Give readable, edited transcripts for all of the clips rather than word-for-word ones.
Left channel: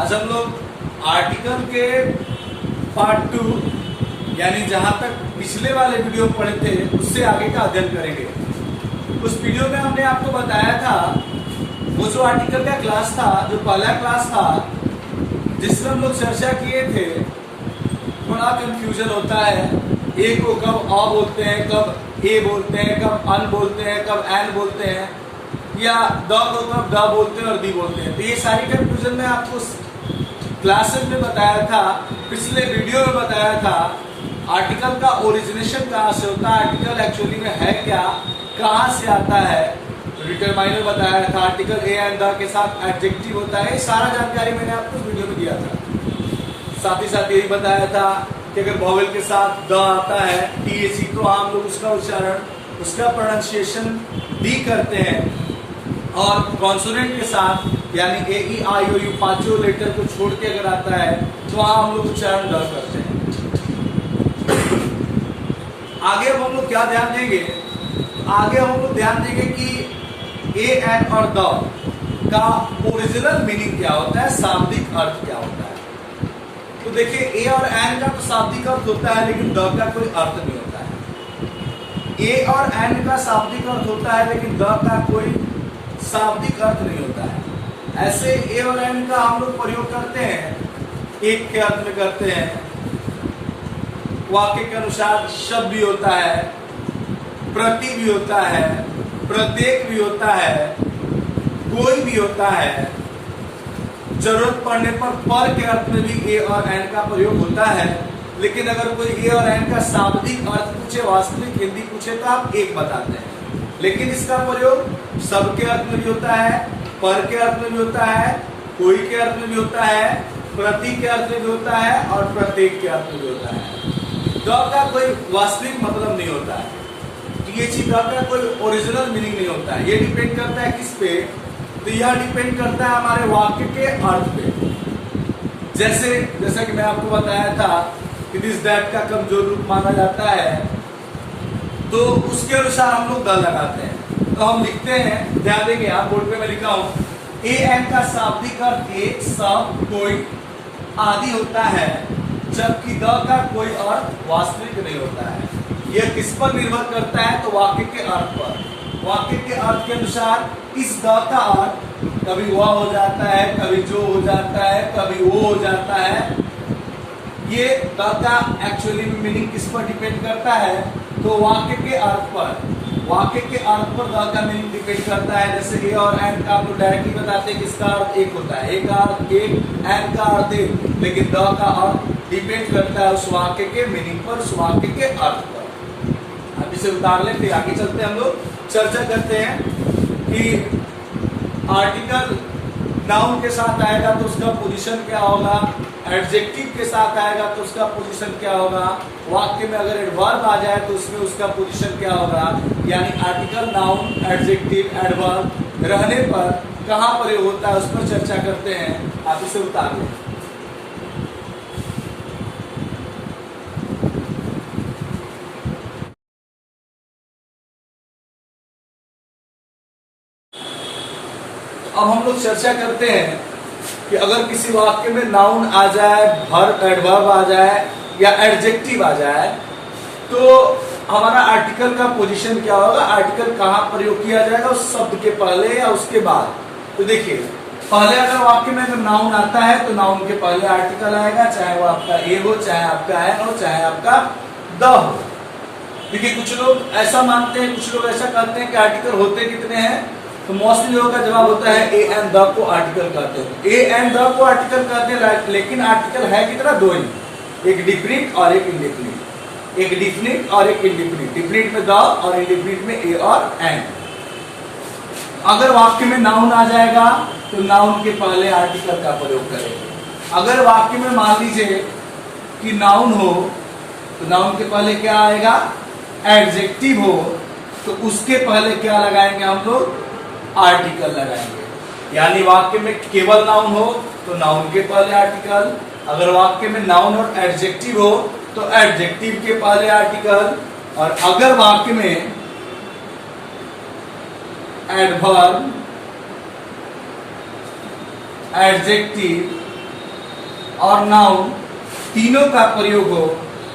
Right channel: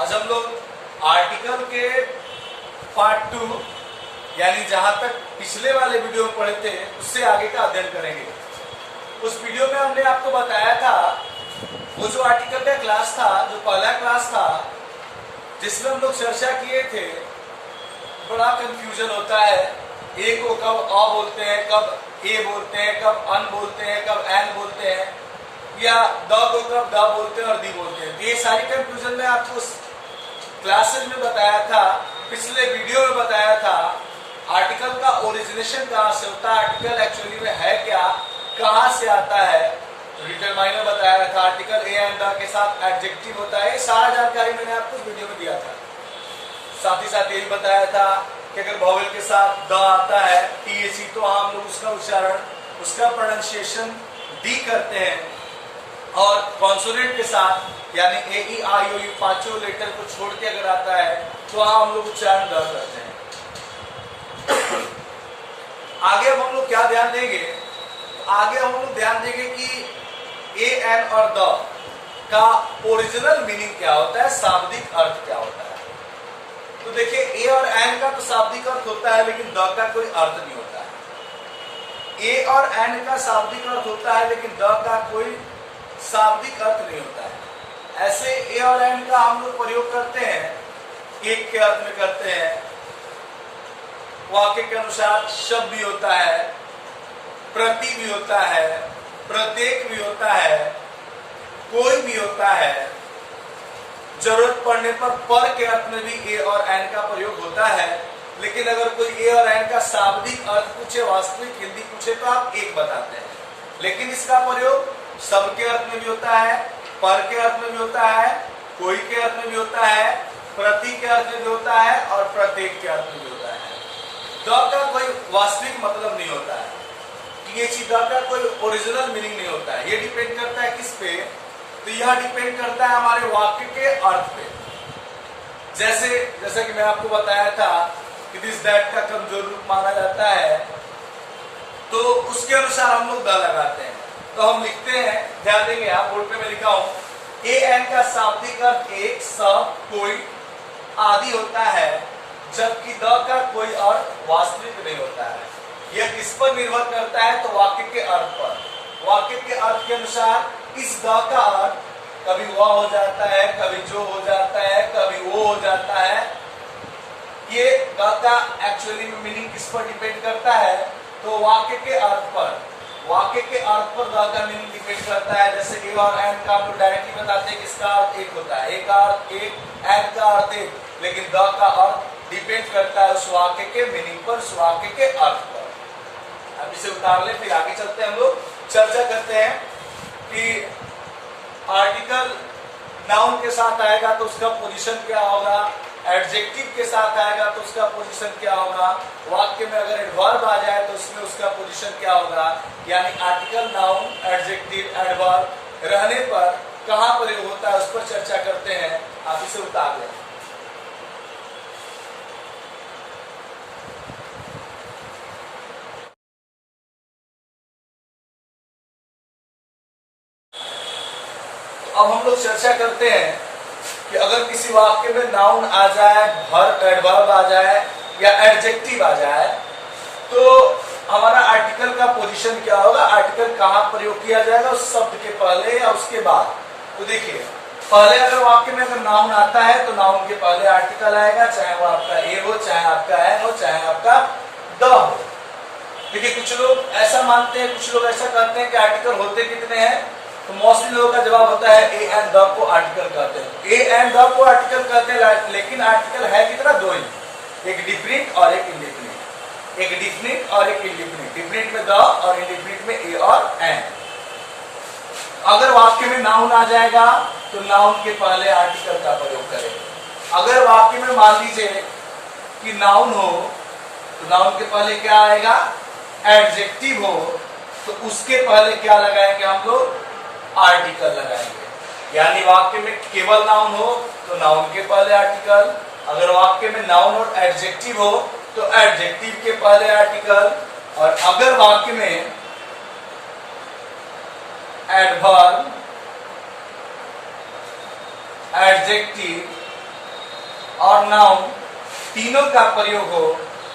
आज हम लोग आर्टिकल के पार्ट 2 यानी जहां तक पिछले वाले वीडियो पढ़े थे उससे आगे का अध्ययन करेंगे। उस वीडियो में हमने आपको बताया था वो जो आर्टिकल का क्लास था, जो पहला क्लास था जिसमें हम लोग चर्चा किए थे, थोड़ा कंफ्यूजन होता है। ए को कब अ बोलते हैं, कब ए बोलते हैं, कब अन बोलते हैं, कब एन बोलते हैं, या द को कब द बोलते हैं और दी बोलते हैं। तो ये सारी कंफ्यूजन में आपको क्लासेस में बताया था, पिछले वीडियो में बताया था आर्टिकल का ओरिजिनेशन कहाँ से होता है, आर्टिकल एक्चुअली में है क्या, कहाँ से आता है। डिटरमाइनर बताया था, आर्टिकल ए एंड द के साथ एडजेक्टिव होता है। ये सारा जानकारी मैंने आपको वीडियो में दिया था। साथ ही साथ यही बताया था कि अगर वॉवेल के साथ द आता है टीएचई, तो हम लोग उसका उच्चारण, उसका प्रोनाउंसिएशन डी करते हैं, और कॉन्सोनेंट के साथ यानी ए ई आई ओ यू पांचों लेटर को छोड़ के अगर आता है तो हम लोग उच्चारण द करते हैं। आगे अब हम लोग क्या ध्यान देंगे, आगे हम लोग ध्यान देंगे कि ए एन और द का ओरिजिनल मीनिंग क्या होता है, शाब्दिक अर्थ क्या होता है। तो देखिए, ए और एन का तो शाब्दिक अर्थ होता है, लेकिन द का कोई अर्थ नहीं होता है। ए और एन का शाब्दिक अर्थ होता है, लेकिन द का कोई शाब्दिक अर्थ नहीं होता है। ऐसे ए और एन का हम लोग प्रयोग करते हैं, एक के अर्थ में करते हैं। वाक्य के अनुसार शब्द भी होता है, प्रति भी होता है, प्रत्येक भी होता है, कोई भी होता है। जरूरत पड़ने पर के अर्थ में भी ए और एन का प्रयोग होता है। लेकिन अगर कोई ए और एन का शाब्दिक अर्थ पूछे, वास्तविक हिंदी पूछे, तो आप एक बताते हैं। लेकिन इसका प्रयोग सब के अर्थ में भी होता है, पर के अर्थ में भी होता है, कोई के अर्थ में भी होता है, प्रति के अर्थ में भी होता है, और प्रत्येक के अर्थ में भी होता है। द का कोई वास्तविक मतलब नहीं होता है। टीएचई द का कोई ओरिजिनल मीनिंग नहीं होता है। ये डिपेंड करता है किस पे, तो यह डिपेंड करता है हमारे वाक्य के अर्थ पे। जैसा कि मैं आपको बताया था कि दिस दैट का कमजोर रूप माना जाता है, तो उसके अनुसार हम लोग द लगाते हैं। तो हम लिखते हैं, ध्यान देंगे आप, बोर्ड पे मैं लिखा हूं, ए एन का शाब्दिक अर्थ एक, सब, कोई आदि होता है, जबकि द का कोई अर्थ वास्तविक नहीं होता है। यह किस पर निर्भर करता है, तो वाक्य के अर्थ पर। वाक्य के अर्थ के अनुसार इस द का अर्थ कभी वह हो जाता है, कभी जो हो जाता है, कभी वो हो जाता है। ये द का एक्चुअली मीनिंग किस पर डिपेंड करता है, तो वाक्य के अर्थ पर। वाक्य के अर्थ पर द का मीनिंग डिपेंड करता है। जैसे ए और एन का आप लोग डायरेक्टली बताते हैं कि इसका अर्थ एक होता है, ए का अर्थ एक, एन का अर्थ एक, लेकिन द का अर्थ डिपेंड करता है उस वाक्य के मीनिंग पर, उस वाक्य के अर्थ पर। अब इसे उतार ले, फिर आगे चलते हैं। हम लोग चर्चा करते हैं कि आर्टिकल नाउन के साथ आएगा तो उसका पोजीशन क्या होगा, एडजेक्टिव के साथ आएगा तो उसका पोजीशन क्या होगा, वाक्य में अगर एडवर्ब आ जाए तो उसमें उसका पोजीशन क्या होगा। यानी आर्टिकल, नाउन, एडजेक्टिव, एडवर्ब रहने पर कहां प्रयोग होता है, उस पर चर्चा करते हैं। आप इसे उतार लें। अब हम लोग चर्चा करते हैं कि अगर किसी वाक्य में नाउन आ जाए, एडवर्ब आ जाए या एडजेक्टिव आ जाए, तो हमारा आर्टिकल का पोजीशन क्या होगा, आर्टिकल कहाँ प्रयोग किया जाएगा, उस शब्द के पहले या उसके बाद। तो देखिए, पहले अगर वाक्य में अगर नाउन आता है तो नाउन के पहले आर्टिकल आएगा, चाहे वो आपका ए हो, चाहे आपका एन हो, चाहे आपका द हो। देखिए, कुछ लोग ऐसा मानते हैं, कुछ लोग ऐसा कहते हैं कि आर्टिकल होते कितने हैं, तो मोस्टली लोगों का जवाब होता है ए एंड द को आर्टिकल कहते हैं। ए एंड द को आर्टिकल कहते हैं, लेकिन आर्टिकल है कितना, दो ही, एक डिफिनिट और एक इंडेफिनिट। एक डिफिनिट और एक इंडेफिनिट। डिफिनिट में द और इंडेफिनिट में ए और एन। अगर वाक्य में नाउन आ जाएगा तो नाउन के पहले आर्टिकल का प्रयोग करें। अगर वाक्य में मान लीजिए कि नाउन हो तो नाउन के पहले क्या आएगा, एडजेक्टिव हो, तो उसके पहले क्या लगाएंगे हम लोग, आर्टिकल लगाएंगे। यानी वाक्य में केवल नाउन हो तो नाउन के पहले आर्टिकल, अगर वाक्य में नाउन और एडजेक्टिव हो तो एडजेक्टिव के पहले आर्टिकल, और अगर वाक्य में एडवर्ब, एडजेक्टिव और नाउन तीनों का प्रयोग हो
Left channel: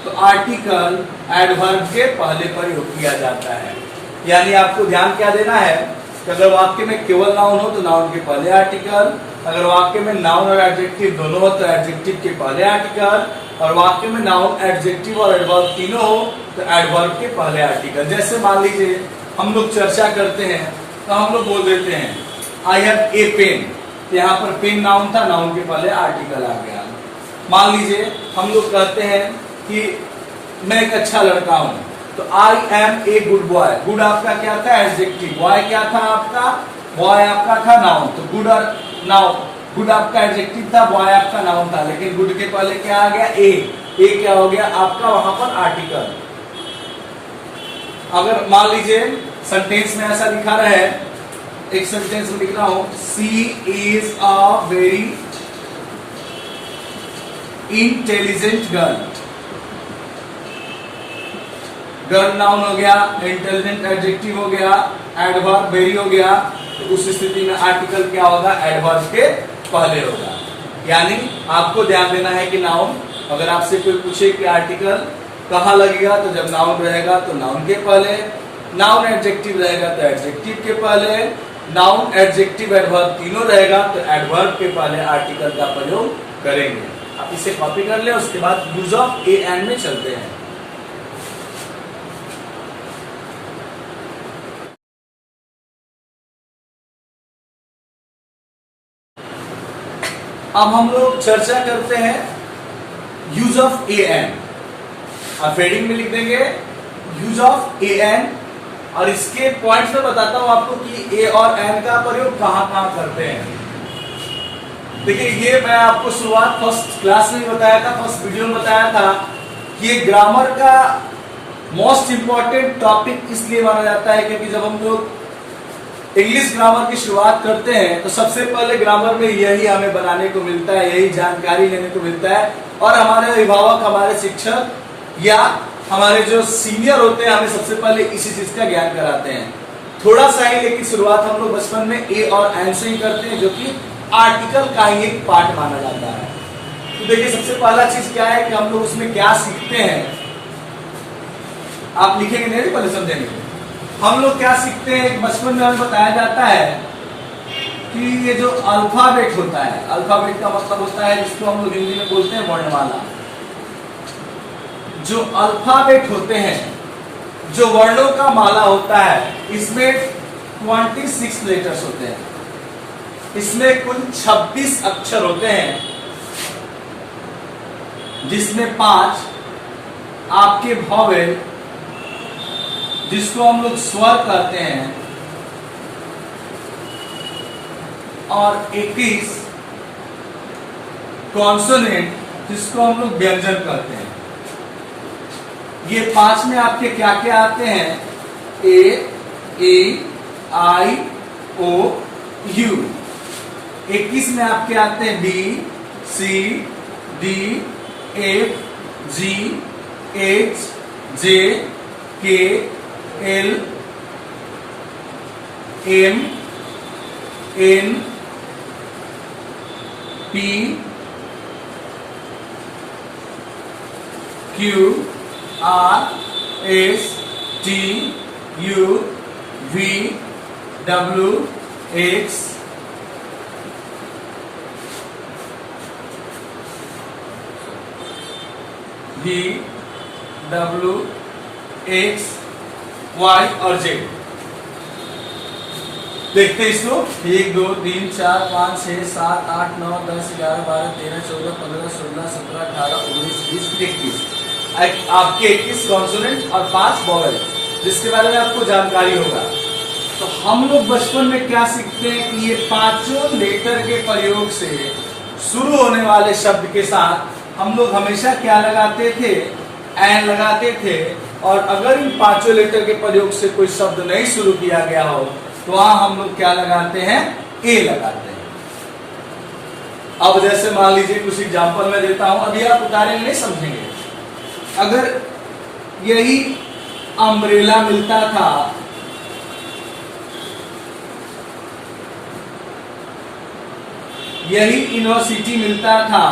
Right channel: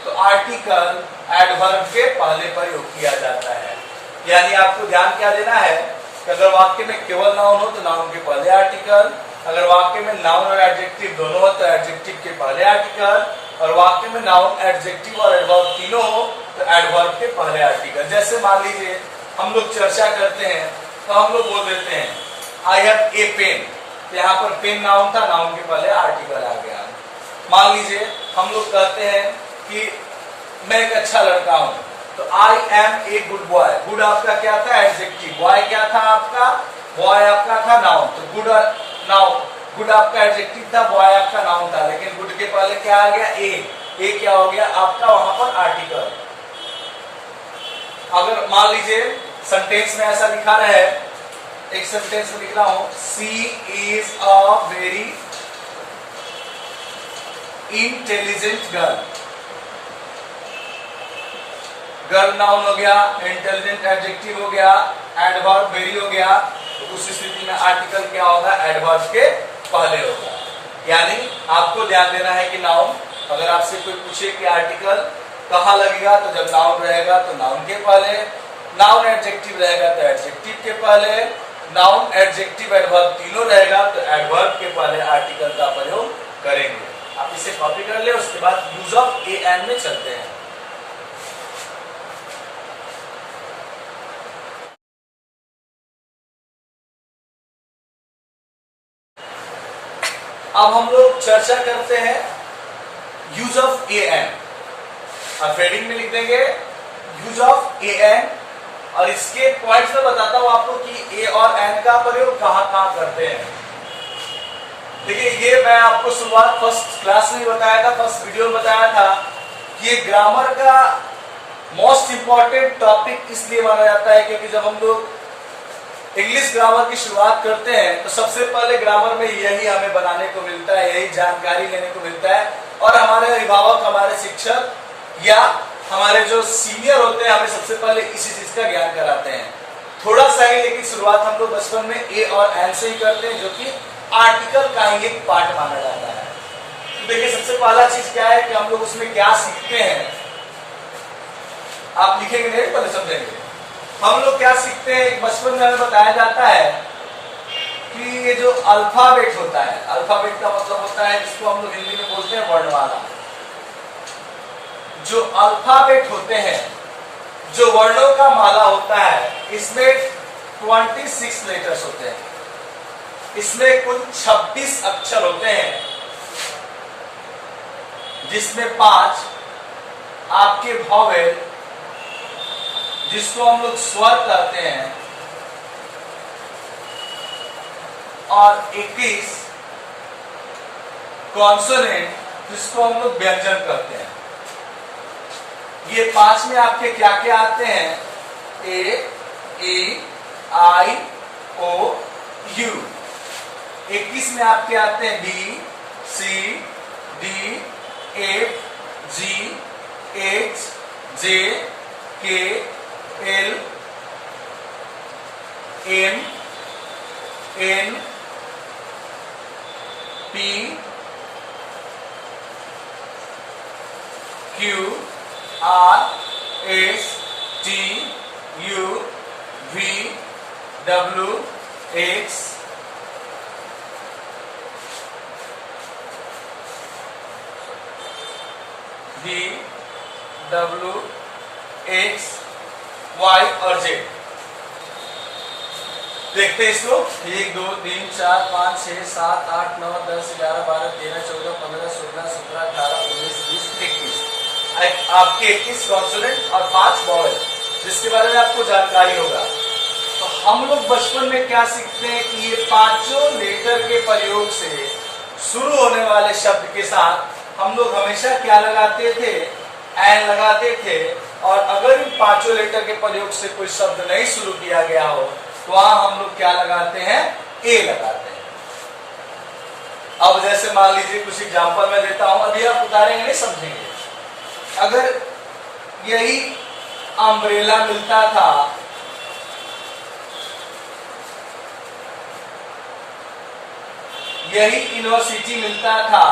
तो आर्टिकल एडवर्ब के पहले प्रयोग किया जाता है। यानी आपको ध्यान क्या देना है कि अगर वाक्य में केवल नाउन हो तो नाउन के पहले आर्टिकल, अगर वाक्य में नाउन और एडजेक्टिव दोनों हो तो एडजेक्टिव के पहले आर्टिकल, और वाक्य में नाउन एडजेक्टिव और एडवर्ब तीनों हो तो एडवर्ब के पहले आर्टिकल। जैसे मान लीजिए हम लोग चर्चा करते हैं तो हम लोग बोल देते हैं आई हैव ए पेन, तो यहाँ पर पेन नाउन था, नाउन के पहले आर्टिकल आ गया। मान लीजिए हम लोग कहते हैं कि मैं एक अच्छा लड़का हूं, तो I am a good boy, good आपका क्या था एडजेक्टिव, बॉय क्या था आपका, बॉय आपका था नाउन, तो गुड नाउन, गुड आपका एडजेक्टिव था, बॉय आपका नाउन था, लेकिन गुड के पहले क्या आ गया ए क्या हो गया आपका वहां पर आर्टिकल। अगर मान लीजिए सेंटेंस में ऐसा दिखा रहा है, एक सेंटेंस में लिख रहा हूं she is a very intelligent girl, girl noun हो गया, इंटेलिजेंट एडजेक्टिव हो गया, एडवर्ब वेरी हो गया, तो उस स्थिति में आर्टिकल क्या होगा एडवर्ब के पहले होगा। यानी आपको ध्यान देना है कि नाउन अगर आपसे कोई पूछे कि आर्टिकल कहाँ लगेगा तो जब नाउन रहेगा तो नाउन के पहले, नाउन एडजेक्टिव रहेगा तो एडजेक्टिव के पहले, नाउन एडजेक्टिव एडवर्ब तीनों रहेगा तो एडवर्ब के पहले आर्टिकल का प्रयोग करेंगे। आप इसे कॉपी कर ले, उसके बाद यूज ऑफ ए एंड में चलते हैं। अब हम लोग चर्चा करते हैं यूज ऑफ ए एन। आप हेडिंग में लिख देंगे यूज ऑफ ए एन, और इसके पॉइंट्स में बताता हूं आपको कि ए और एन का प्रयोग कहां कहां करते हैं। देखिए ये मैं आपको शुरुआत फर्स्ट क्लास में बताया था, फर्स्ट वीडियो में बताया था कि ये ग्रामर का मोस्ट इंपॉर्टेंट टॉपिक इसलिए माना जाता है क्योंकि जब हम लोग इंग्लिश ग्रामर की शुरुआत करते हैं तो सबसे पहले ग्रामर में यही हमें बनाने को मिलता है, यही जानकारी लेने को मिलता है, और हमारे अभिभावक, हमारे शिक्षक या हमारे जो सीनियर होते हैं हमें सबसे पहले इसी चीज का ज्ञान कराते हैं। थोड़ा सा ही, लेकिन शुरुआत हम लोग बचपन में ए और एन से ही करते हैं, जो कि आर्टिकल का ही एक पार्ट माना जाता है। तो देखिए सबसे पहला चीज क्या है कि हम लोग उसमें क्या सीखते हैं, आप लिखेंगे नहीं पहले समझेंगे। हम लोग क्या सीखते हैं, बचपन में हमें बताया जाता है कि ये जो अल्फाबेट होता है, अल्फाबेट का मतलब होता है जिसको हम लोग हिंदी में बोलते हैं वर्णमाला। जो अल्फाबेट होते हैं, जो वर्णों का माला होता है, इसमें 26 लेटर्स होते हैं, इसमें कुल 26 अक्षर होते हैं, जिसमें 5 आपके वॉवेल जिसको हम लोग स्वर कहते हैं, और 21 कॉन्सोनेंट जिसको हम लोग व्यंजन कहते हैं। ये 5 में आपके क्या क्या आते हैं, ए, ई, आई, ओ, यू। 21 में आपके आते हैं B, C, D, F, G, H, J, K, L, M, N, P, Q, R, S, T, U, V, W, X, V, W, X, Y और जेड। देखते हैं इसको, 1 2 3 4 5 6 7 8 9 10 11 12 13 14 15 16 17 18 19 20 21। आपके 21 कॉन्सोनेंट और 5 वॉवेल, जिसके बारे में आपको जानकारी होगा। तो हम लोग बचपन में क्या सीखते हैं कि ये 5 लेटर के प्रयोग से शुरू होने वाले शब्द के साथ हम लोग हमेशा क्या लगाते थे, एन लगाते थे, और अगर इन 5 लेटर के प्रयोग से कोई शब्द नहीं शुरू किया गया हो तो वहां हम लोग क्या लगाते हैं, ए लगाते हैं। अब जैसे मान लीजिए कुछ एग्जांपल मैं देता हूं, अभी आप उतारेंगे नहीं समझेंगे। अगर यही अम्ब्रेला मिलता था, यही यूनिवर्सिटी मिलता था,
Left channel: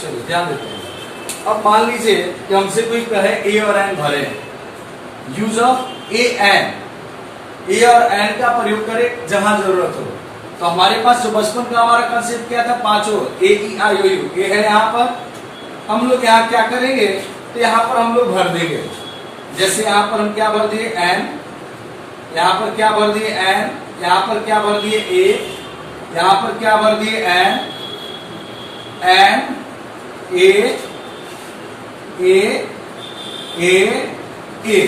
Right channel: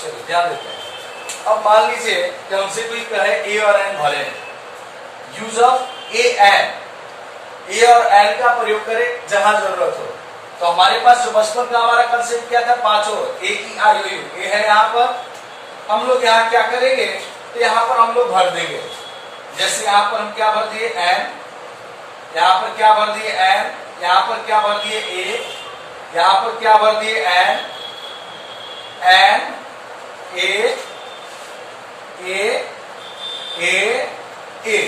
चलो ध्यान देते हैं। अब मान लीजिए कि हमसे कोई कहे ए और एन भरे, यूज ऑफ ए एन, ए और एन का प्रयोग करें जहां जरूरत हो। तो हमारे पास जो बचपन का हमारा कंसेप्ट क्या था, पांचों ए ई आई ओ यू, ए है यहाँ पर, हम लोग यहाँ क्या करेंगे, तो यहाँ पर हम लोग भर देंगे। जैसे यहाँ पर हम क्या भर दिए एन, यहाँ पर क्या भर दिए एन, यहाँ पर क्या भर दिए ए, यहाँ पर क्या भर दिए एन, एन ए ए ए ए।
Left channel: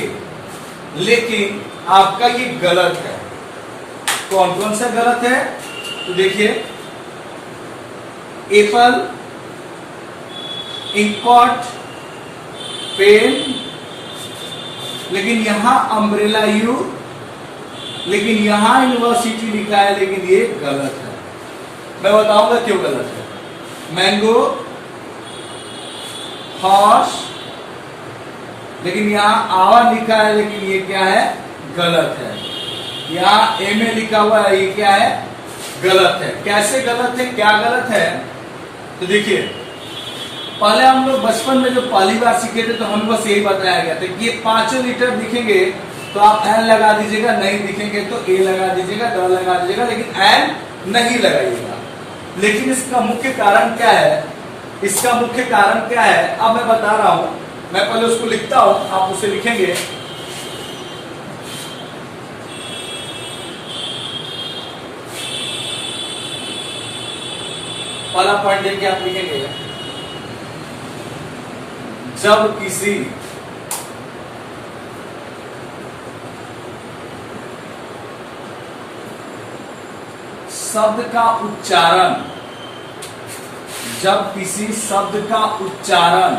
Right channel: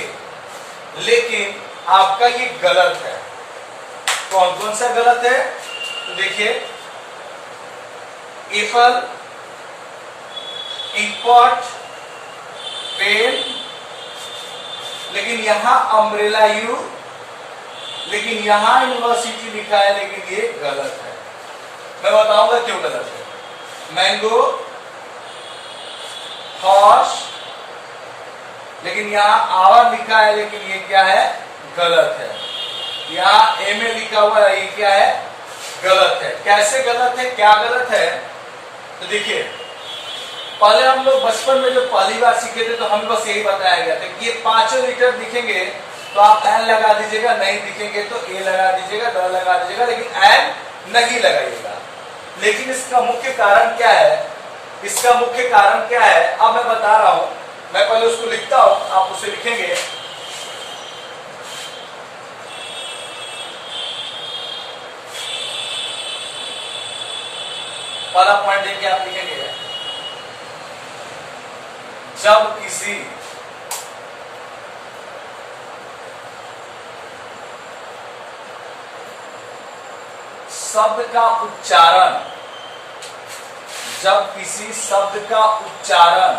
लेकिन आपका ये गलत है। कौन कौन सा गलत है, तो देखिए एप्पल, इंकपॉट, पेन, लेकिन यहां अम्ब्रेला यू, लेकिन यहां यूनिवर्सिटी लिखा है, लेकिन ये गलत है। मैं बताऊंगा क्यों गलत है। मैंगो, हॉर्स, लेकिन यहां आवर लिखा है, लेकिन ये क्या है, गलत है। यहाँ ए में लिखा हुआ है, ये क्या है, गलत है। कैसे गलत है, क्या गलत है, तो देखिए पहले हम लोग बचपन में जो पहली बार सीखे थे तो हम बस यही बताया गया था कि ये पांचों लीटर दिखेंगे तो आप एन लगा दीजिएगा, नहीं दिखेंगे तो ए लगा दीजिएगा, द लगा दीजिएगा, लेकिन एन नहीं लगाइएगा। लेकिन इसका मुख्य कारण क्या है, इसका मुख्य कारण क्या है, अब मैं बता रहा हूं। मैं पहले उसको लिखता हूं, आप उसे लिखेंगे। पहला पॉइंट देखिए, आप लिखेंगे जब किसी शब्द का उच्चारण, जब किसी शब्द का उच्चारण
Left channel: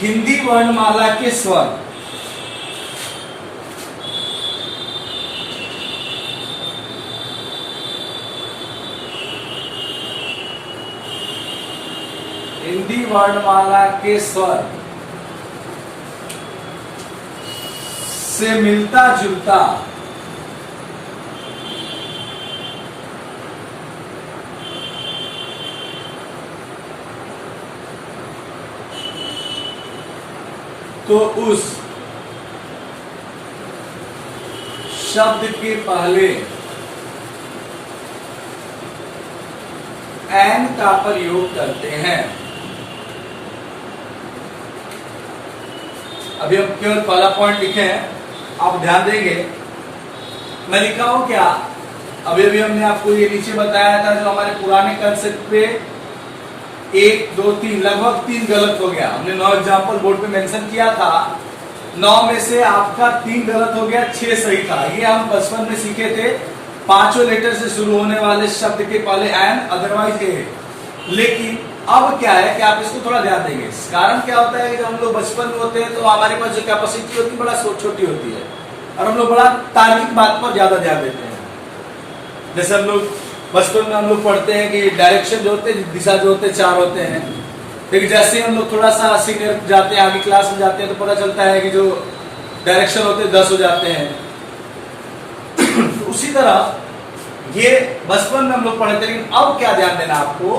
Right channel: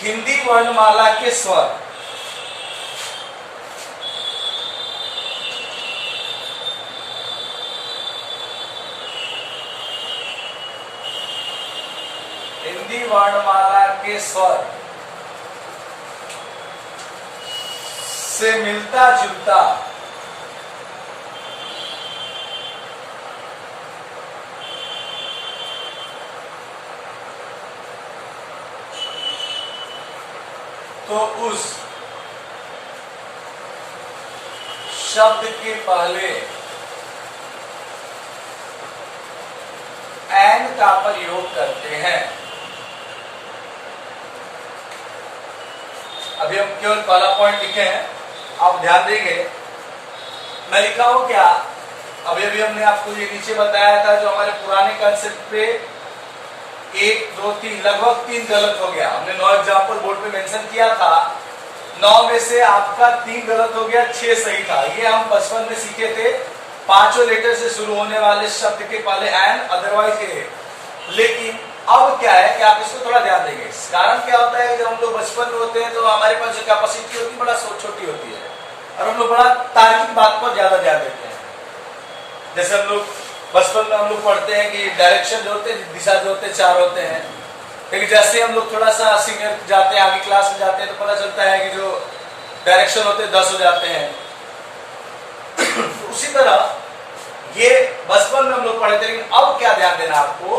हिंदी वर्णमाला के स्वर हिंदी वर्णमाला के स्वर से मिलता जुलता तो उस शब्द के पहले एन का प्रयोग करते हैं। अभी हम केवल पहला पॉइंट लिखे हैं, आप ध्यान देंगे। मैं लिखा हूं क्या, अभी अभी हमने आपको ये नीचे बताया था जो हमारे पुराने कंसेप्ट पे 1 2 3 लगभग 3 गलत हो गया। हमने 9 एग्जाम्पल बोर्ड पे मेंशन किया था, 9 में से आपका 3 गलत हो गया, 6 सही था। ये हम बचपन में सीखे थे, पांचों लेटर से शुरू होने वाले शब्द के पहले एन, अदरवाइज ए। लेकिन अब क्या है कि आप इसको थोड़ा ध्यान देंगे। कारण क्या होता है, जब हम लोग बचपन में होते हैं तो हमारे पास जो कैपेसिटी होती है बड़ा छोटी होती है, और हम लोग बड़ा तार्किक बात पर ज्यादा ध्यान देते हैं। जैसे हम लोग बचपन में हम लोग पढ़ते हैं कि डायरेक्शन जो होते हैं, दिशा जो होते हैं 4 होते हैं। लेकिन जैसे हम लोग थोड़ा सा सीनियर जाते हैं, आगे क्लास में जाते हैं, तो पता चलता है कि जो डायरेक्शन होते हैं 10 हो जाते हैं। तो उसी तरह ये बचपन में हम लोग पढ़ते हैं। लेकिन अब क्या ध्यान देना आपको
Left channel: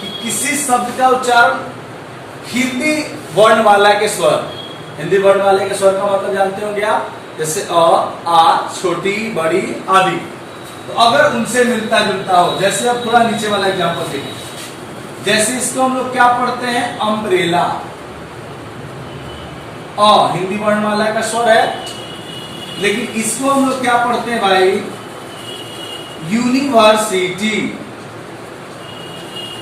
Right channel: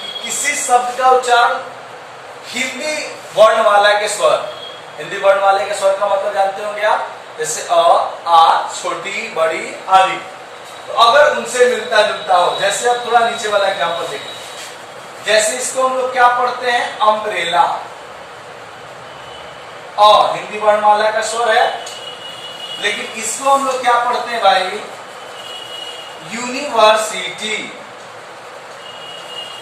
कि किसी शब्द का उच्चारण हिंदी वर्णमाला के स्वर, हिंदी वर्णमाला के स्वर का मतलब जानते होंगे आप, जैसे अ, आ, छोटी, बड़ी आदि। तो अगर उनसे मिलता जुलता हो, जैसे अब थोड़ा नीचे वाला एग्जांपल देखें, जैसे इसको हम लोग क्या पढ़ते हैं, अम्ब्रेला, अ हिंदी वर्णमाला का स्वर है। लेकिन इसको हम लोग क्या पढ़ते हैं भाई, यूनिवर्सिटी,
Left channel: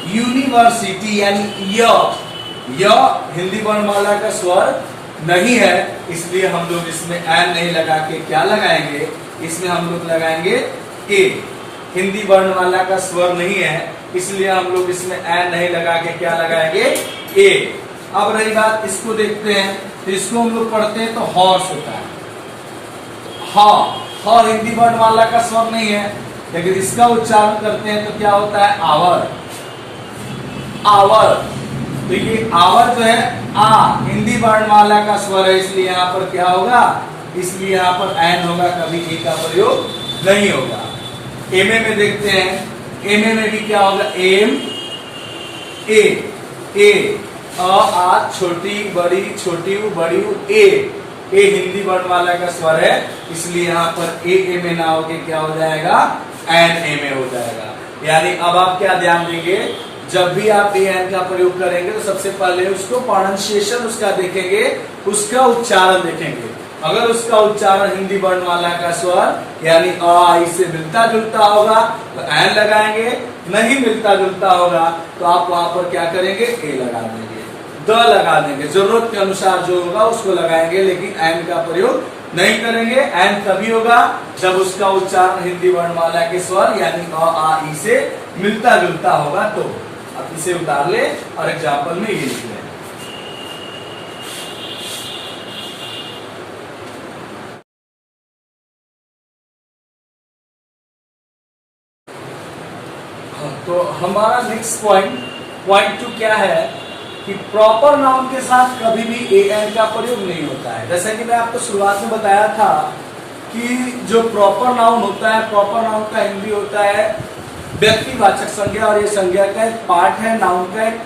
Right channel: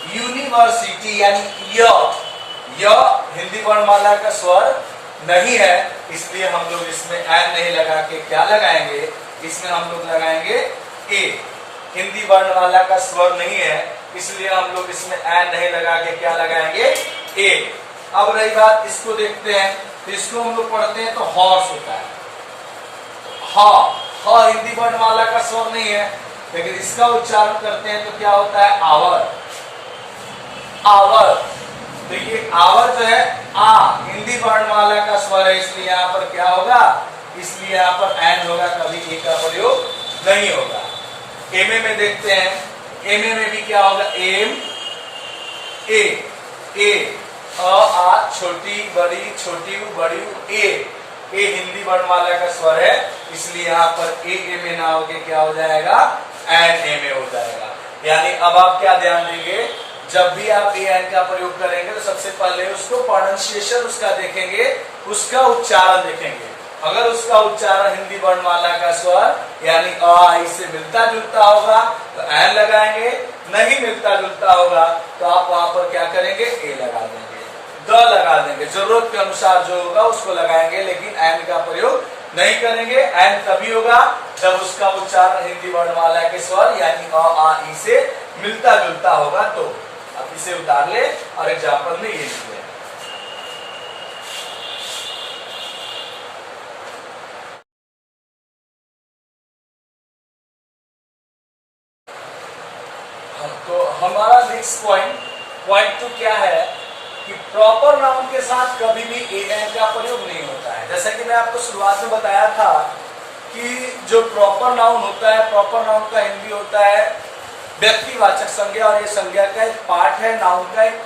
यूनिवर्सिटी यानी य हिंदी वर्णमाला का स्वर नहीं है, इसलिए हम लोग इसमें एन नहीं लगा के क्या लगाएंगे, इसमें हम लोग लगाएंगे ए। हिंदी वर्णमाला का स्वर नहीं है, इसलिए हम लोग इसमें एन नहीं लगा के क्या लगाएंगे, ए। अब रही बात, इसको देखते हैं, तो इसको हम लोग पढ़ते हैं तो हॉर्स होता है। ह हिंदी वर्णमाला का स्वर नहीं है, लेकिन इसका उच्चारण करते हैं तो क्या होता है, आवर, आवर। तो ये आवर जो है आ हिंदी वर्णमाला का स्वर है, इसलिए यहां पर क्या होगा, इसलिए यहाँ पर एन होगा, कभी ए का प्रयोग नहीं होगा। एमए में देखते हैं, एमए में भी क्या होगा, एम ए आ छोटी बड़ी छोटी ऊ बड़ी ऊ ए हिंदी वर्णमाला का स्वर है, इसलिए यहाँ पर ए में ना होके क्या हो जाएगा, एन ए में हो जाएगा। यानी अब आप क्या ध्यान देंगे, जब भी आप ए एन का प्रयोग करेंगे तो सबसे पहले उसको प्रोनाउंसिएशन उसका देखेंगे, उसका उच्चारण देखेंगे। अगर उसका उच्चारण हिंदी वर्णमाला का स्वर यानी अ आई से मिलता जुलता होगा तो एन लगाएंगे, नहीं मिलता जुलता होगा तो आप वहां पर क्या करेंगे, ए लगा देंगे, द लगा देंगे, जरूरत के अनुसार जो होगा उसको लगाएंगे, लेकिन एन का प्रयोग नहीं करेंगे। एन तभी होगा जब उसका उच्चारण हिंदी वर्णमाला के स्वर यानी अ आ ई से मिलता जुलता होगा। तो अब इसे उतार ले और एग्जाम्पल में ये लिख लें। तो हमारा नेक्स्ट पॉइंट 2 क्या है कि प्रॉपर नाउन के साथ कभी भी ए एन का प्रयोग नहीं होता है। जैसा कि मैं आपको शुरुआत में बताया था कि जो प्रॉपर नाउन होता है, प्रॉपर नाउन का हिंदी होता है व्यक्तिवाचक संज्ञा, और ये संज्ञा का एक पार्ट है, नाउन का एक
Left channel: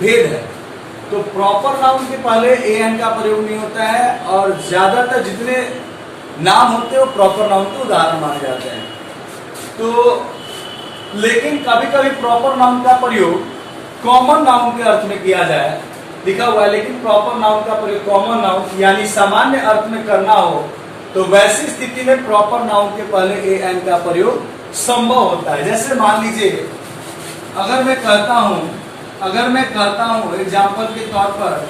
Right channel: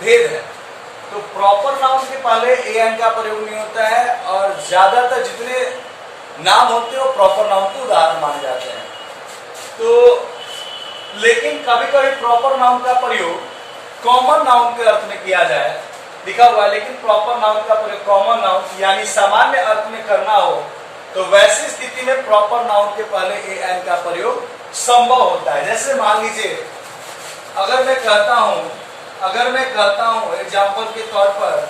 भेद है। तो प्रॉपर नाउन के पहले ए एन का प्रयोग नहीं होता है, और ज्यादातर जितने नाम होते हैं वो प्रॉपर नाउन के उदाहरण माने जाते हैं। तो लेकिन कभी कभी प्रॉपर नाउन का प्रयोग कॉमन नाउन के अर्थ में किया जाए, लिखा हुआ है, लेकिन प्रॉपर नाउन का प्रयोग कॉमन नाउन यानी सामान्य अर्थ में करना हो तो वैसी स्थिति में प्रॉपर नाउन के पहले ए एन का प्रयोग संभव होता है। जैसे मान लीजिए अगर मैं कहता हूं एग्जाम्पल के तौर पर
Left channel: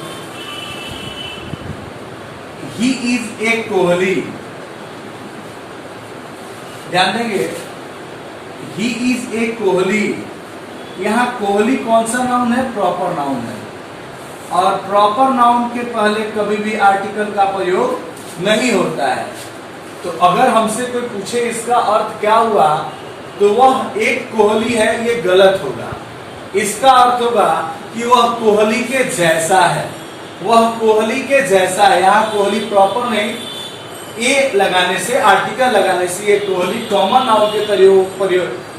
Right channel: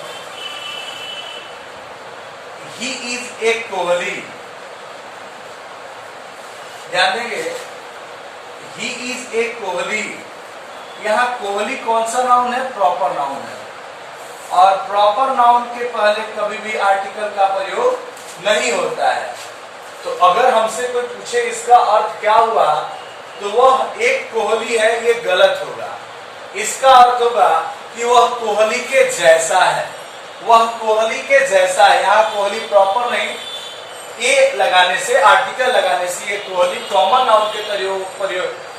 ही इज ए कोहली, ध्यान देंगे, ही इज ए कोहली, यहाँ कोहली कौन सा नाउन है, प्रॉपर नाउन है, और प्रॉपर नाउन के पहले कभी भी आर्टिकल का प्रयोग नहीं होता है। तो अगर हमसे कोई पूछे इसका अर्थ क्या हुआ, तो वह एक कोहली है, ये गलत होगा। इसका अर्थ होगा कि वह कोहली के जैसा है, वह कोहली के जैसा है। यहाँ कोहली प्रॉपर नहीं, ए लगाने से, आर्टिकल लगाने से ये कोहली कॉमन नाउन के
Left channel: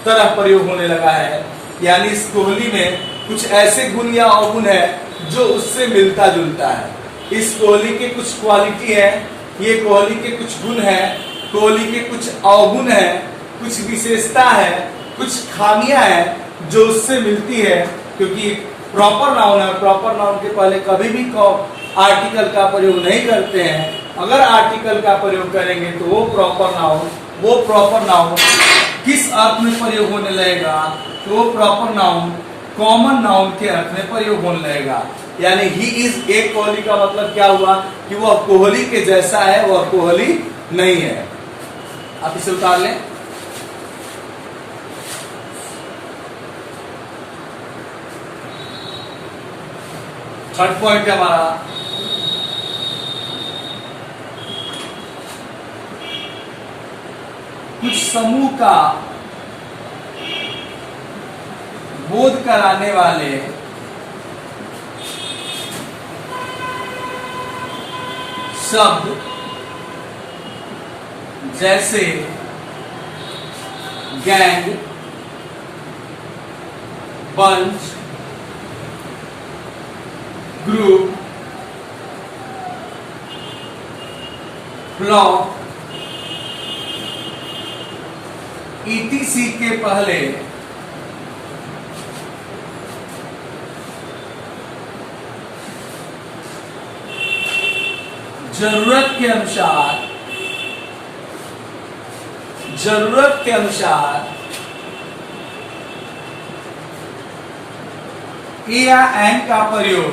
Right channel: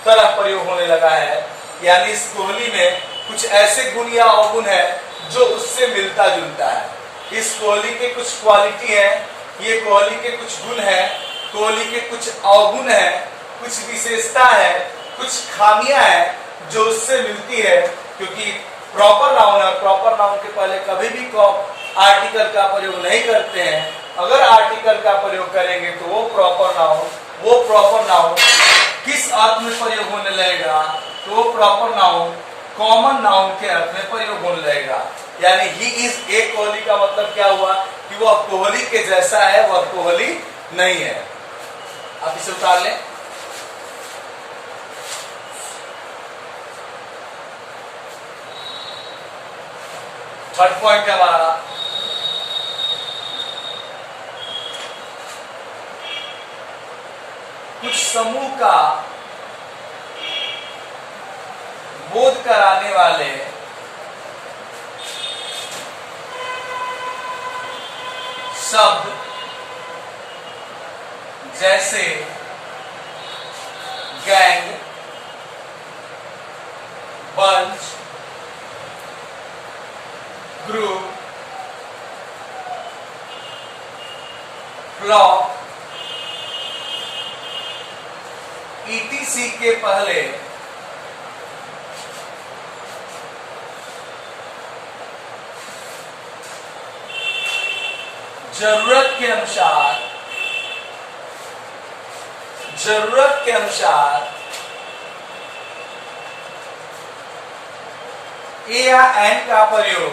तरह प्रयोग होने लगा है। यानी इस कोहली में कुछ ऐसे गुण या अवगुण है जो उससे मिलता जुलता है। इस कोहली के कुछ क्वालिटी है, ये कोहली के कुछ गुण है, कोहली के कुछ अवगुण है, कुछ विशेषता है, कुछ खामियां हैं जो उससे मिलती है, क्योंकि प्रॉपर नाउन है। प्रॉपर नाउन के पहले कभी भी आर्टिकल का प्रयोग नहीं करते हैं। अगर आर्टिकल का प्रयोग करेंगे तो वो प्रॉपर नाउन किस अर्थ में प्रयोग होने लगेगा, तो वो प्रॉपर नाउन कॉमन नाउन के अर्थ में प्रयोग होने लगेगा। यानी ही इज ए कोहली का मतलब क्या हुआ कि वह कोहली के जैसा है, वह कोहली नहीं है। आप इसे उतार लें। थर्ड पॉइंट है हमारा कुछ समूह का बोध कराने वाले शब्द जैसे gang, bunch, group, flock, ETC के पहले जरूरत के अनुसार ए या एन का प्रयोग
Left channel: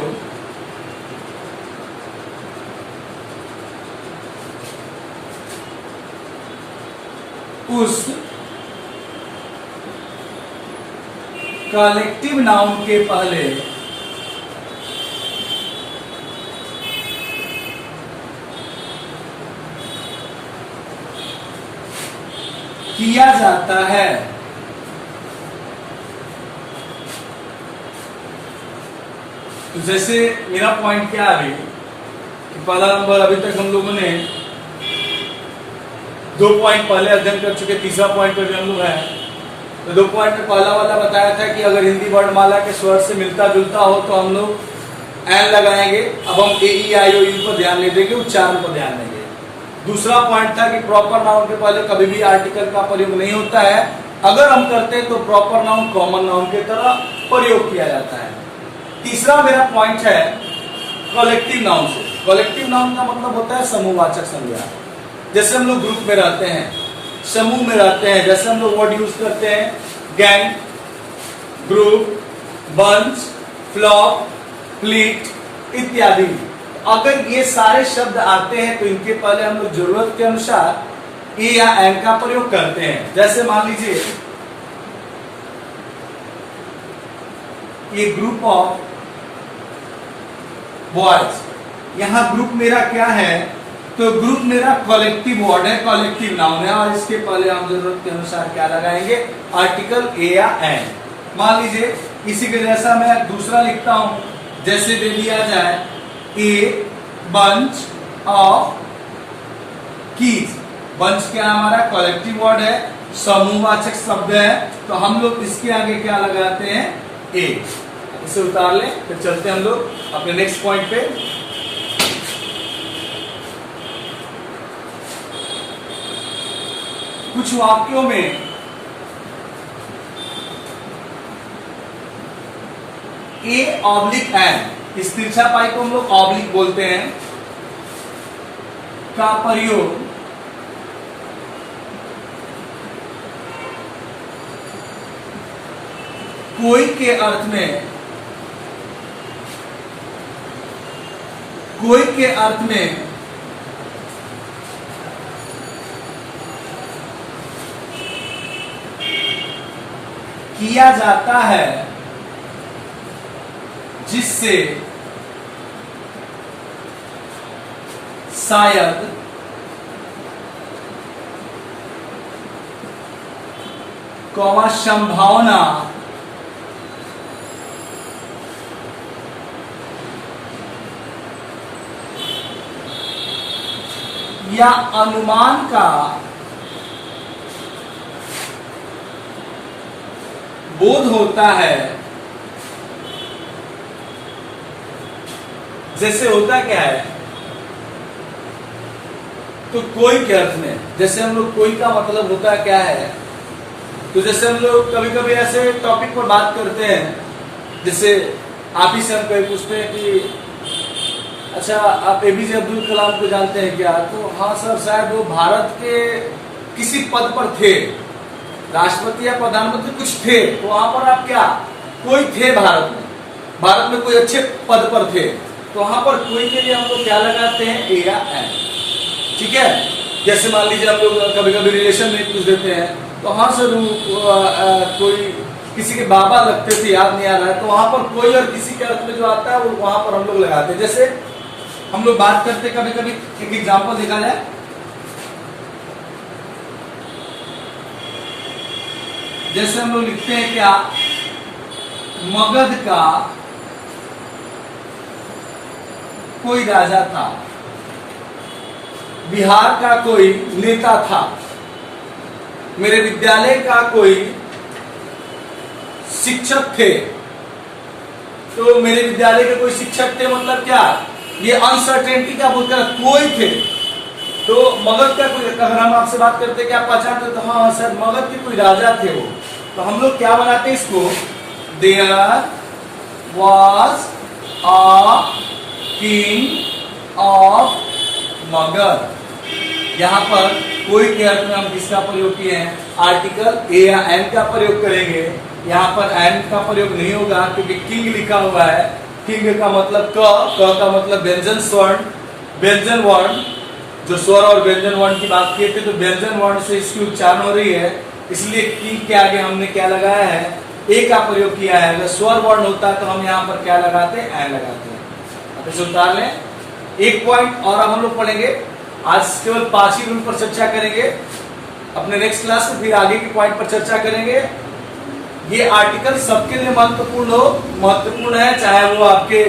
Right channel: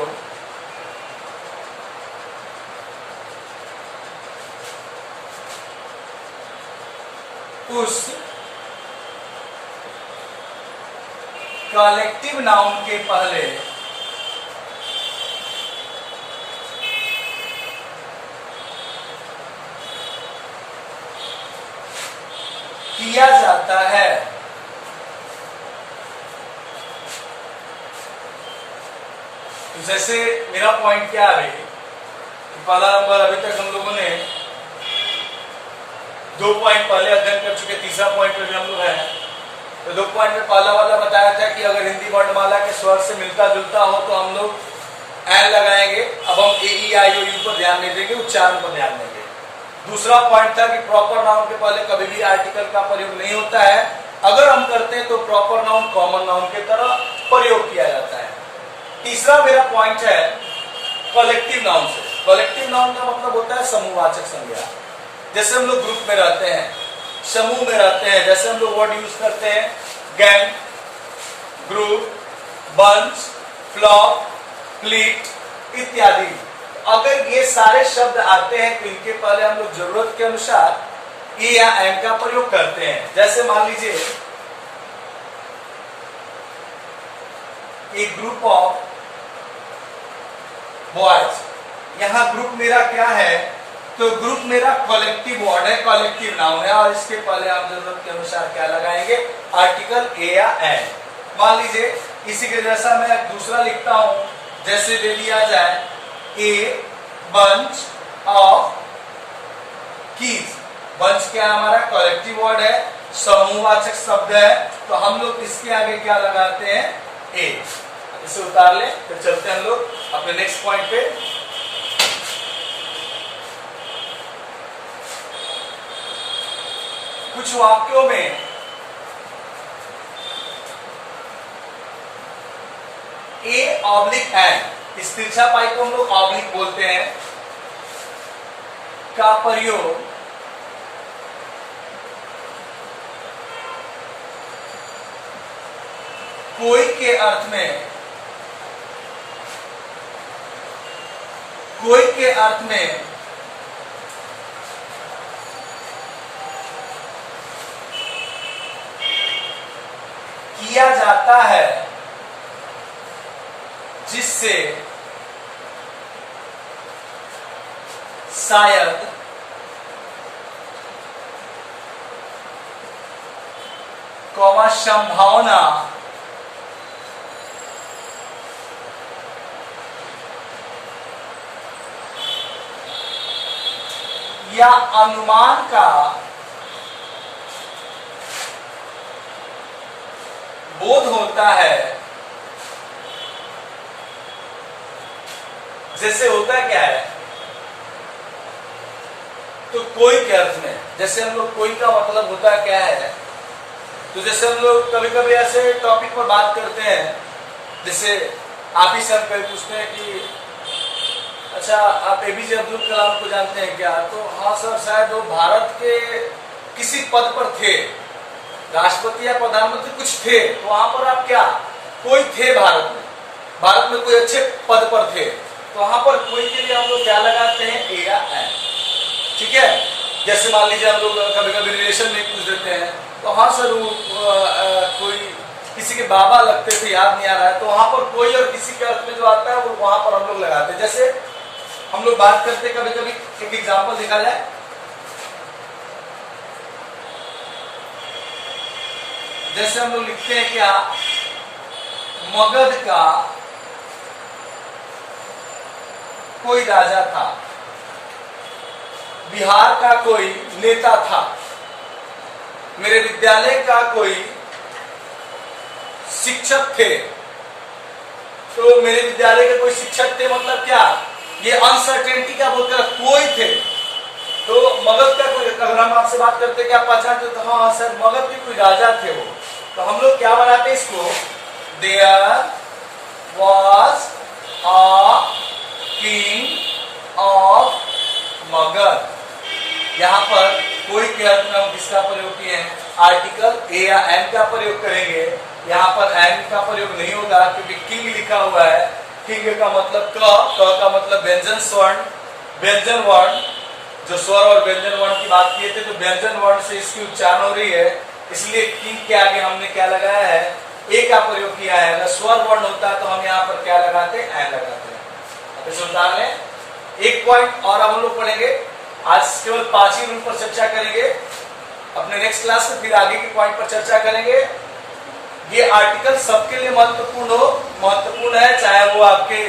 उस कलेक्टिव नाउन के पहले किया जाता है। तो जैसे मेरा पॉइंट क्या है, पहला नंबर अभी तक हम लोगों ने 2 पॉइंट पहले अध्ययन कर चुके, तीसरा पॉइंट पे भी हम लोग हैं। तो 2 पॉइंट में पहला वाला बताया था कि अगर हिंदी वर्णमाला के स्वर से मिलता जुलता हो तो हम लोग एन लगाएंगे। अब हम ए ई आई ओ यू पर ध्यान नहीं देंगे, उच्चारण पर ध्यान देंगे। दूसरा पॉइंट था कि प्रॉपर नाउन के पहले कभी भी आर्टिकल का प्रयोग नहीं होता है, अगर हम करते हैं तो प्रॉपर नाउन कॉमन नाउन की तरह प्रयोग किया जाता है। तीसरा मेरा पॉइंट है कलेक्टिव नाउन से। कलेक्टिव नाउन का मतलब होता है समूहवाचक संज्ञा। जैसे हम लोग ग्रुप में रहते हैं, समूह में रहते हैं, जैसे हम लोग वर्ड यूज करते हैं gang, group, bunch, flock, fleet इत्यादि। अगर ये सारे शब्द आते हैं तो इनके पहले हम लोग जरूरत के अनुसार ए या एन का प्रयोग करते हैं। जैसे मान लीजिए ये ग्रुप ऑफ बॉयज, यहां ग्रुप मेरा क्या है, तो ग्रुप मेरा कलेक्टिव वर्ड है, कलेक्टिव नाउन है, और इसके पहले हम जरूरत के अनुसार क्या लगाएंगे, आर्टिकल ए या एन। मान लीजिए इसी के जैसा मैं दूसरा लिखता हूं, जैसे दे लिया जाए a bunch of keys. Bunch क्या हमारा कलेक्टिव वर्ड है, समूहवाचक शब्द है, तो हम लोग इसके आगे क्या लगाते हैं, ए। इसे उतार ले, फिर चलते हैं हम लोग अपने नेक्स्ट पॉइंट पे। कुछ वाक्यों में ए ऑब्लिक एन, इस तिरछा पाई को हम लोग ऑब्लिक बोलते हैं, का प्रयोग कोई के अर्थ में, कोई के अर्थ में किया जाता है जिससे शायद कौमा संभावना या अनुमान का बोध होता है। जैसे होता क्या है, तो कोई के अर्थ में, जैसे हम लोग कोई का मतलब होता क्या है, तो जैसे हम लोग कभी कभी ऐसे टॉपिक पर बात करते हैं, जैसे आप ही से हम कभी पूछते हैं कि अच्छा आप एपीजे अब्दुल कलाम को जानते हैं क्या, तो हाँ सर शायद वो भारत के किसी पद पर थे, राष्ट्रपति या प्रधानमंत्री कुछ थे, तो वहां पर आप क्या, कोई थे भारत में कोई अच्छे पद पर थे, तो वहां पर कोई के लिए हम लोग क्या लगाते हैं, ए या एन। ठीक है, जैसे मान लीजिए हम लोग कभी कभी रिलेशन में पूछ देते हैं, तो हाँ सर कोई किसी के बाबा लगते थे, याद नहीं आ रहा है, तो वहां पर कोई और किसी के अर्थ में जो आता है वो वहां पर हम लोग लगाते हैं। जैसे हम लोग बात करते कभी कभी, एक एग्जाम्पल देखा जाए, जैसे हम लोग लिखते हैं क्या, मगध का कोई राजा था, बिहार का कोई नेता था, मेरे विद्यालय का कोई शिक्षक थे। तो मेरे विद्यालय के कोई शिक्षक थे मतलब क्या, ये अनसर्टेनिटी का बोलकर कोई थे। तो मगध का कोई, अगर हम आपसे बात करते क्या पहचानते, तो हाँ सर मगध के कोई राजा थे वो, तो हम लोग क्या बनाते हैं इसको, there was a king of Magadh. यहां पर कोई के अर्थ में हम किसका प्रयोग किए हैं, आर्टिकल ए या एन का प्रयोग करेंगे। यहाँ पर एन का प्रयोग नहीं होगा क्योंकि किंग लिखा हुआ है। किंग का मतलब क का मतलब व्यंजन स्वर्ण, व्यंजन वर्ण, जो स्वर और व्यंजन वर्ण की बात किए थे, तो व्यंजन वर्ण से इसकी उच्चारण हो रही है, इसलिए किंग के आगे हमने क्या लगाया है, ए का प्रयोग किया है। अगर स्वर वर्ण होता तो हम यहाँ पर क्या लगाते हैं, एन लगाते हैं। अब इसे उतार लें। एक पॉइंट और हम लोग पढ़ेंगे, आज केवल 5 ही रूल पर चर्चा करेंगे, अपने नेक्स्ट क्लास में फिर आगे के पॉइंट पर चर्चा करेंगे। ये आर्टिकल सबके लिए महत्वपूर्ण है, चाहे वो आपके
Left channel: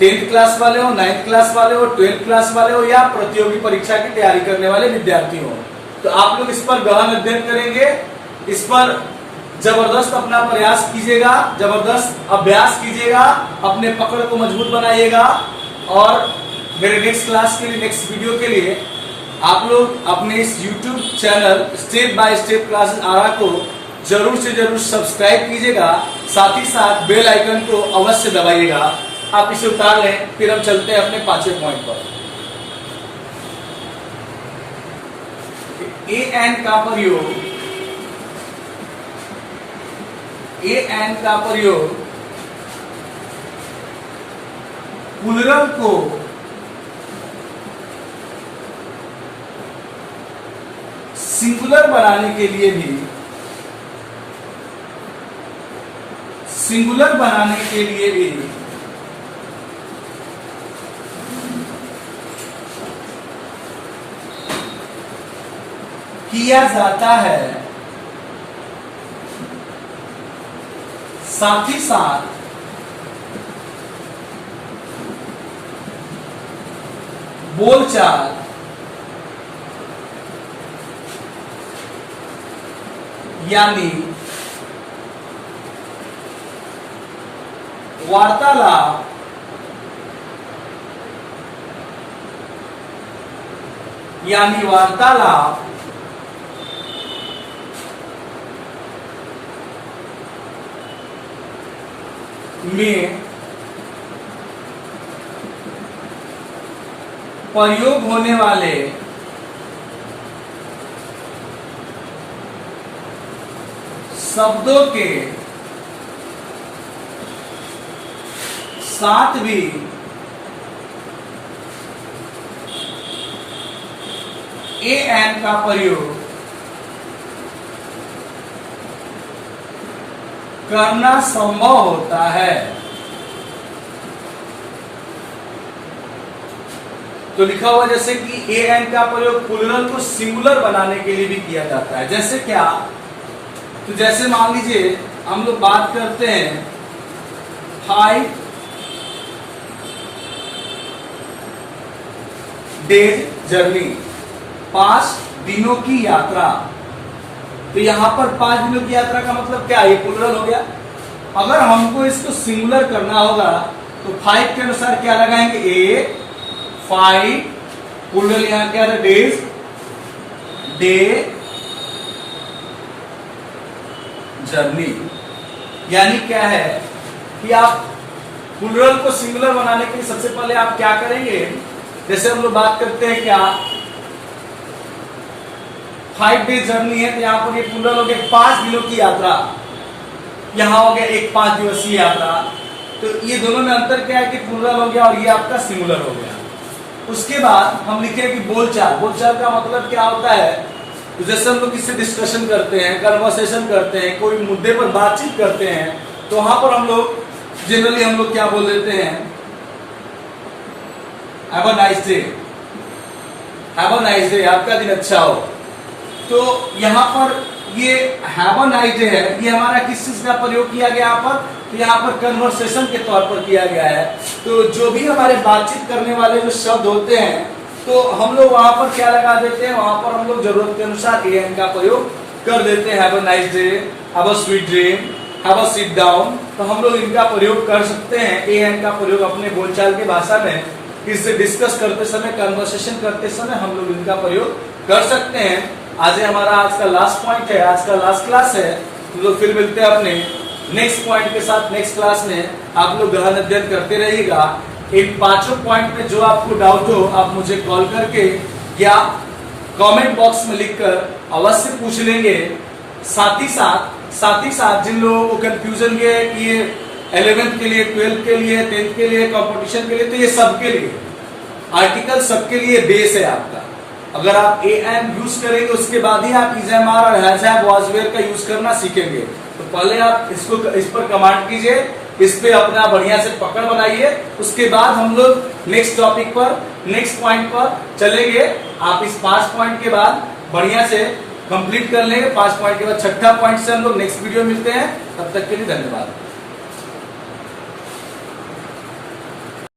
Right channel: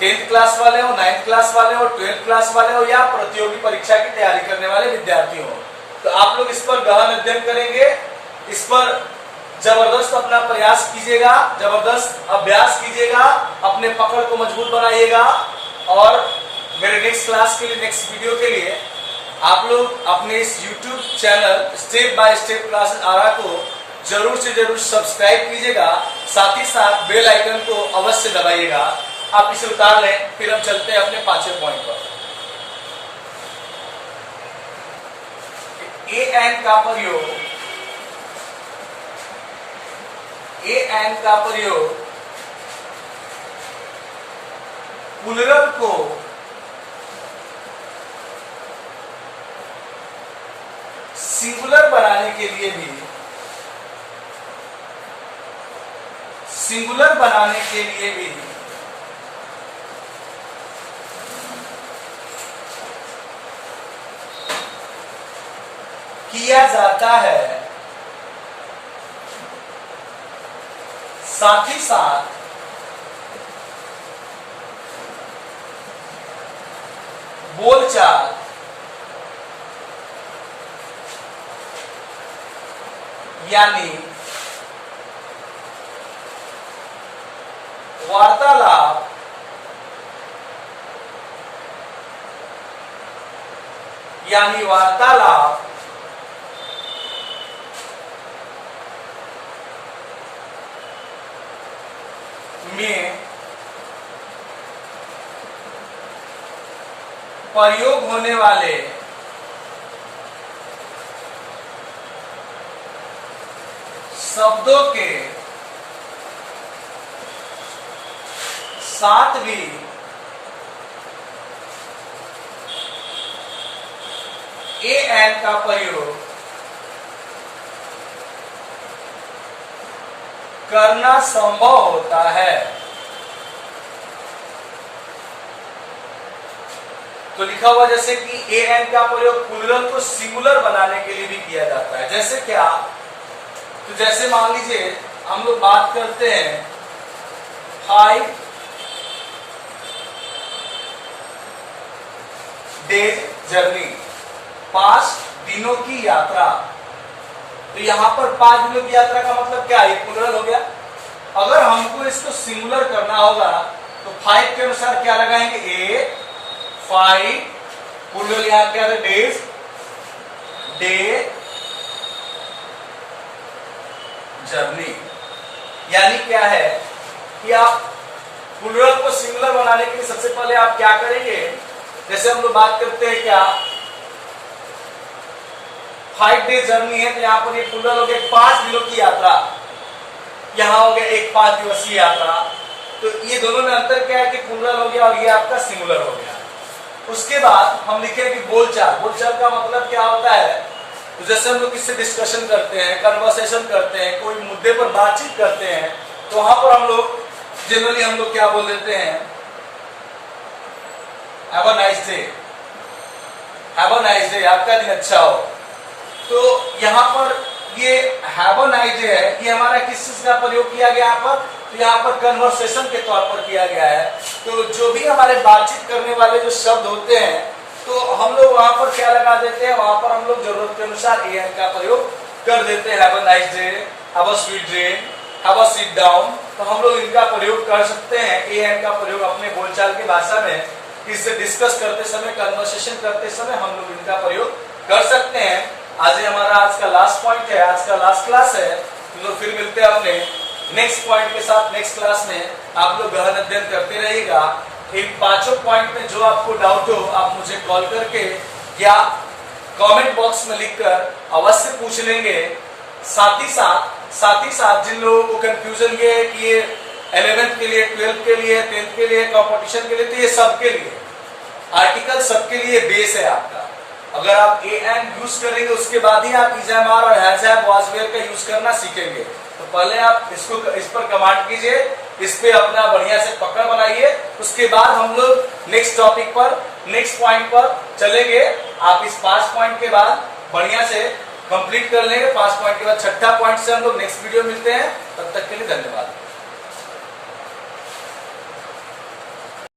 10th क्लास वाले हो, 9th क्लास वाले हो, 12th क्लास वाले हो, या प्रतियोगी परीक्षा की तैयारी करने वाले विद्यार्थी हो। तो आप लोग इस पर गहन अध्ययन करेंगे, इस पर जबरदस्त अपना प्रयास कीजिएगा, जबरदस्त अभ्यास कीजिएगा, अपने पकड़ को मजबूत बनाइएगा। और मेरे नेक्स्ट क्लास के लिए, नेक्स्ट वीडियो के लिए आप लोग अपने इस YouTube channel step by step classes आरा को जरूर से जरूर सब्सक्राइब कीजिएगा, साथ ही साथ बेल आइकन को अवश्य दबाइएगा। आप इसे उतार लें, फिर हम चलते हैं अपने 5वें पॉइंट पर। an का प्रयोग, an का प्रयोग प्लूरल को सिंगुलर बनाने के लिए भी, सिंगुलर बनाने के लिए भी किया जाता है। साथ ही साथ बोलचाल यानी वार्तालाप में प्रयोग होने वाले शब्दों के साथ भी an का प्रयोग करना संभव होता है। तो लिखा हुआ जैसे कि an का प्रयोग प्लूरल को सिंगुलर बनाने के लिए भी किया जाता है। जैसे क्या? तो जैसे मान लीजिए हम लोग बात करते हैं 5 डेज जर्नी, 5 दिनों की यात्रा। तो यहां पर 5 दिनों की यात्रा का मतलब क्या है? ये प्लूरल हो गया। अगर हमको इसको सिंगुलर करना होगा तो 5 के अनुसार क्या लगाएंगे? 5 प्लूरल यहां क्या है? Days, day, journey. यानी क्या है कि आप प्लूरल को सिंगुलर बनाने के लिए सबसे पहले आप क्या करेंगे? जैसे हम लोग बात करते हैं क्या 5 डेज जर्नी है, तो यहां पर ये प्लूरल हो गया 5 दिनों की यात्रा, यहां हो गया एक 5 दिवसीय यात्रा। तो ये दोनों में अंतर क्या है कि प्लूरल हो गया और ये आपका सिंगुलर हो गया। उसके बाद हम लिखे कि बोलचाल। बोलचाल का मतलब क्या होता है? तो जैसे हम लोग किससे डिस्कशन करते हैं, कन्वर्सेशन करते हैं, कोई मुद्दे पर बातचीत करते हैं, तो वहां पर हम लोग जनरली हम लोग क्या बोल देते हैं? Have a nice day, have a nice day, आपका दिन अच्छा हो। तो यहाँ पर ये हैव अ नाइस डे है, ये हमारा किस चीज का प्रयोग किया गया यहाँ पर? तो यहाँ पर कन्वर्सेशन के तौर पर किया गया है। तो जो भी हमारे बातचीत करने वाले जो शब्द होते हैं, तो हम लोग वहां पर क्या लगा देते हैं? वहां पर हम लोग जरूरत के अनुसार an का प्रयोग कर देते हैं। Have a nice day, have a sweet dream, have a sit down. तो हम लोग इनका प्रयोग कर सकते हैं। an का प्रयोग अपने बोलचाल की भाषा में किससे डिस्कस करते समय, कन्वर्सेशन करते समय हम लोग इनका प्रयोग कर सकते हैं। आज हमारा आज का लास्ट पॉइंट है, आज का लास्ट क्लास है। तो फिर मिलते हैं अपने नेक्स्ट पॉइंट के साथ नेक्स्ट क्लास में। आप लोग गहन अध्ययन करते रहिएगा। इन 5 पॉइंट में जो आपको डाउट हो आप मुझे कॉल करके या कमेंट बॉक्स में लिखकर अवश्य पूछ लेंगे। साथ ही साथ जिन लोगों को कंफ्यूजन ये है कि ये 11th के लिए, 12th के लिए, 10th के लिए, कंपटीशन के लिए, तो ये सबके लिए आर्टिकल, सबके लिए बेस है आपका। अगर आप an यूज करेंगे उसके बाद ही आप इज एम आर और हैज हैव वाज वेयर का यूज करना सीखेंगे। तो पहले आप इसको इस पर कमांड कीजिए, इस पे अपना बढ़िया से पकड़ बनाइए। उसके बाद हम लोग नेक्स्ट टॉपिक पर, नेक्स्ट पॉइंट पर चलेंगे। आप इस 5 पॉइंट के बाद बढ़िया से कंप्लीट कर लेंगे। 5 पॉइंट के बाद 6ठा पॉइंट से हम लोग नेक्स्ट वीडियो मिलते हैं। तब तक के लिए धन्यवाद।